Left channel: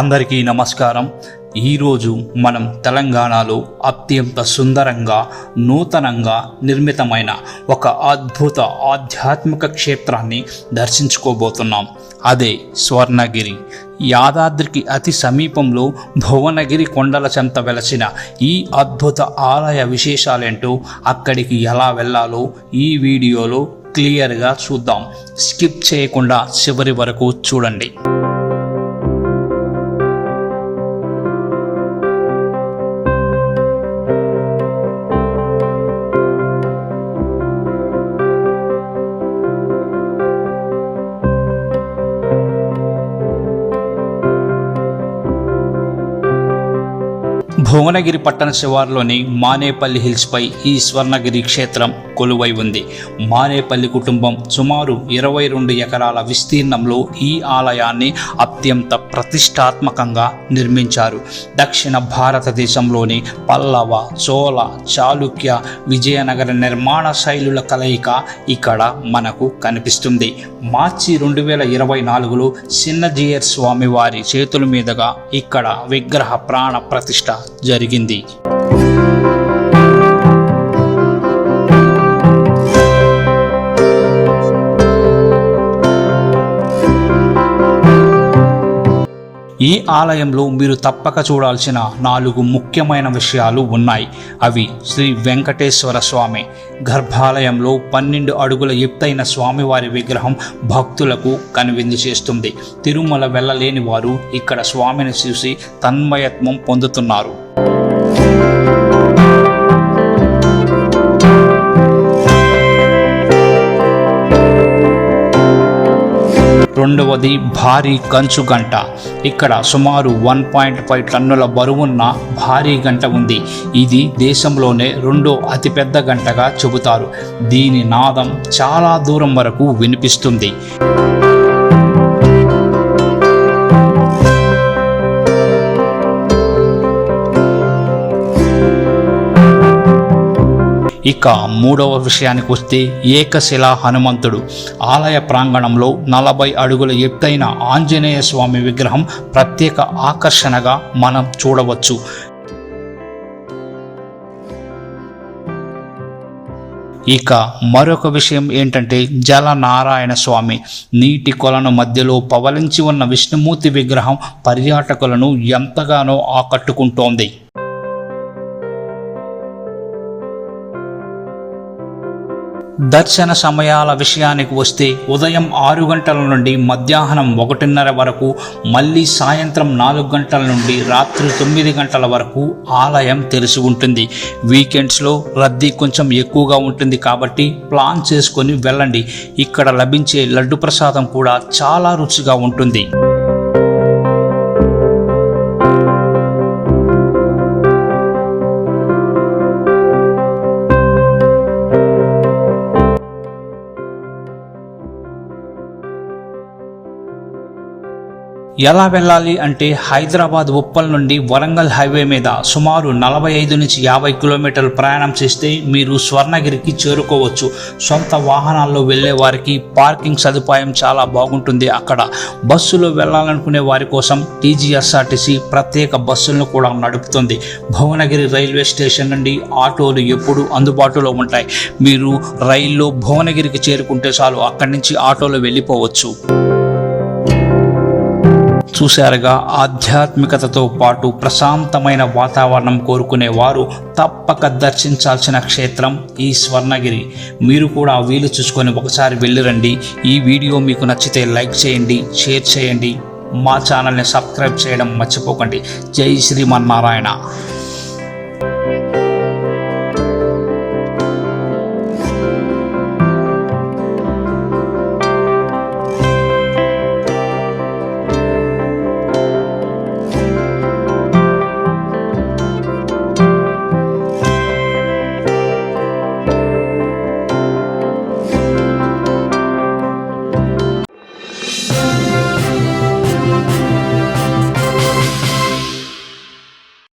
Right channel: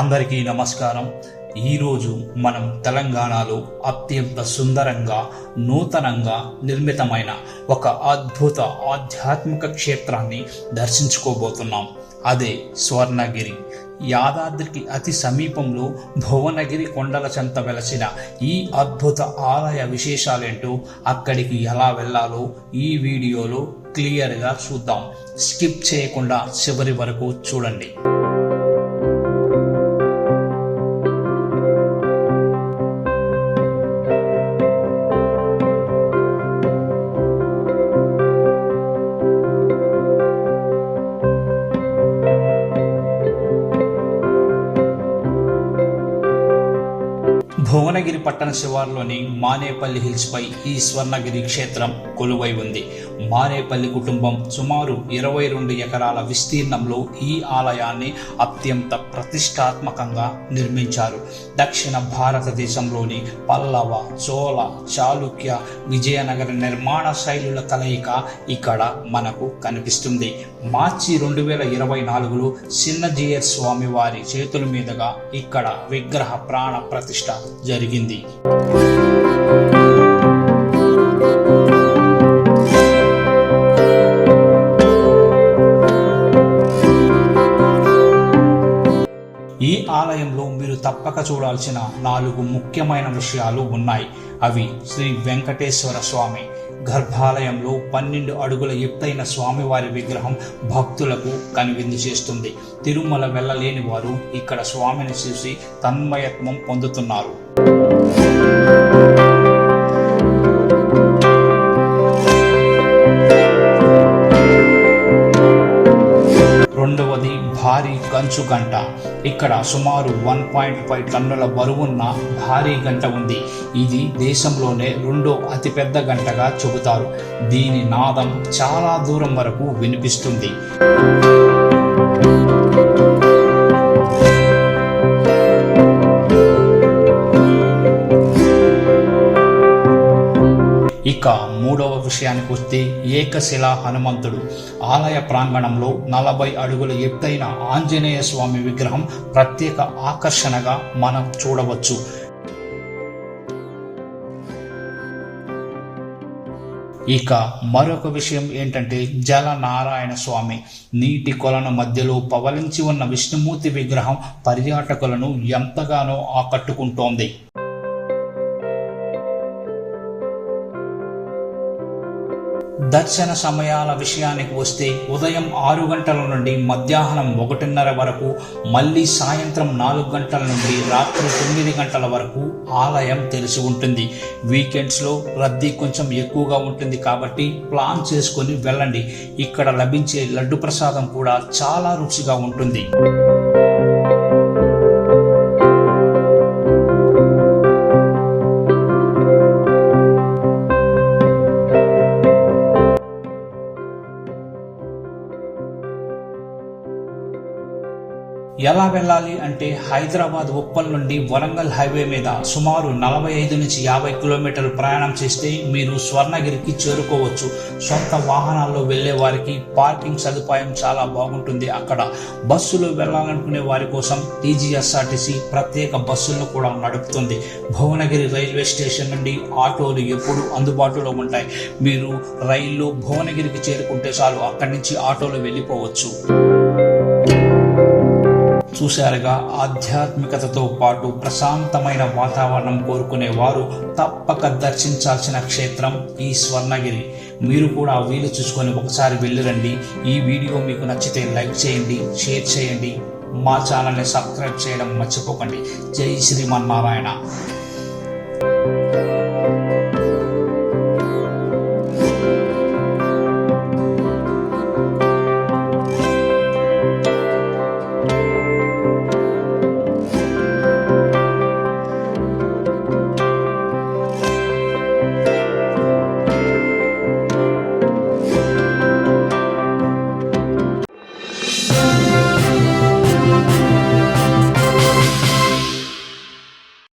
అందరికీ నమస్కారం. ఈరోజు మనం తెలంగాణలో అత్యంత సుందరంగా నూతనంగా నిర్మితమైన ఒక అద్భుత ఆధ్యాత్మిక క్షేత్రాన్ని దర్శించుకోబోతున్నాం. అదే స్వర్ణగిరి. యాదాద్రికి అతి సమీపంలో భువనగిరి కొండల చెంత వెలసిన ఈ అద్భుత ఆలయ విశేషాలేంటో, అక్కడికి ఎలా వెళ్ళాలో ఈ వీడియోలో క్లియర్గా చూద్దాం. స్కిప్ చేయకుండా చివరి వరకు చూడండి. భువనగిరి పట్టణ శివారులోని మానేపల్లి హిల్స్పై ఈ స్వర్ణగిరి క్షేత్రం కొలువై ఉంది. మానేపల్లి కుటుంబం సుమారు 22 ఎకరాల విస్తీర్ణంలో ఈ ఆలయాన్ని అత్యంత ప్రతిష్టాత్మకంగా నిర్మించారు. దక్షిణ భారతదేశంలోని పల్లవ, చోళ, చాళుక్య, విజయనగర నిర్మాణ శైలుల కలయిక ఇక్కడ మనకు కనిపిస్తుంది. మార్చి 2024లో చిన్నజీయర్ స్వామి వారి చేతుల మీదుగా ఇక్కడ విగ్రహ ప్రాణ ప్రతిష్ఠ జరిగింది. ఈ ఆలయంలో మీరు తప్పక చూడాల్సిన 4 ముఖ్యమైన విషయాలు ఉన్నాయి. అవి శ్రీ వెంకటేశ్వర స్వామి గర్భాలయంలో 12 అడుగుల ఎత్తైన స్వామివారి విగ్రహం భక్తులకు కనువిందు చేస్తుంది. తిరుమల వెళ్ళలేని వారు ఇక్కడ స్వామిని చూసి తన్మయత్వం పొందుతున్నారు. రెండవది భారీ కంచు గంట. ఇక్కడ సుమారు 1.5 టన్నుల బరువున్న భారీ గంట ఉంది. ఇది దేశంలోనే 2వ అతిపెద్ద గంటగా చెబుతారు. దీని నాదం చాలా దూరం వరకు వినిపిస్తుంది. ఇక మూడవ విషయానికి వస్తే ఏకశిలా హనుమంతుడు. ఆలయ ప్రాంగణంలో 40 అడుగుల ఎత్తైన ఆంజనేయ స్వామి విగ్రహం ప్రత్యేక ఆకర్షణగా మనం చూడవచ్చు. ఇక మరొక విషయం ఏంటంటే జలనారాయణ స్వామి. నీటి కొలను మధ్యలో పవలించి ఉన్న విష్ణుమూర్తి విగ్రహం పర్యాటకులను ఎంతగానో ఆకట్టుకుంటోంది. దర్శన సమయాల విషయానికి వస్తే ఉదయం 6 గంటల నుండి మధ్యాహ్నం 1:30 వరకు, మళ్ళీ సాయంత్రం 4 గంటల నుండి రాత్రి 9 గంటల వరకు ఆలయం తెరిచి ఉంటుంది. వీకెండ్స్లో రద్దీ కొంచెం ఎక్కువగా ఉంటుంది కాబట్టి ప్లాన్ చేసుకొని వెళ్ళండి. ఇక్కడ లభించే లడ్డు ప్రసాదం కూడా చాలా రుచిగా ఉంటుంది. ఎలా వెళ్ళాలి అంటే హైదరాబాద్ ఉప్పల్ నుండి వరంగల్ హైవే మీద సుమారు 45 నుంచి 50 కిలోమీటర్లు ప్రయాణం చేస్తే మీరు స్వర్ణగిరికి చేరుకోవచ్చు. సొంత వాహనాల్లో వెళ్ళే వారికి పార్కింగ్ సదుపాయం చాలా బాగుంటుంది. అక్కడ బస్సులో వెళ్ళాలనుకునే వారి కోసం టీజీఎస్ఆర్టీసీ ప్రత్యేక బస్సులను కూడా నడుపుతుంది. భువనగిరి రైల్వే స్టేషన్ నుండి ఆటోలు ఎప్పుడూ అందుబాటులో ఉంటాయి. మీరు రైల్లో భువనగిరికి చేరుకుంటే చాలు, అక్కడి నుంచి ఆటోలో వెళ్ళిపోవచ్చు. చూశారుగా, ఆధ్యాత్మికతతో పాటు ప్రశాంతమైన వాతావరణం కోరుకునే వారు తప్పక దర్శించాల్సిన క్షేత్రం ఈ స్వర్ణగిరి. మీరు కూడా వీలు చూసుకొని ఒకసారి వెళ్ళిరండి. ఈ వీడియో మీకు నచ్చితే లైక్ చేయండి, షేర్ చేయండి, మా ఛానల్ని సబ్స్క్రైబ్ చేయడం మర్చిపోకండి. జై శ్రీమన్నారాయణ.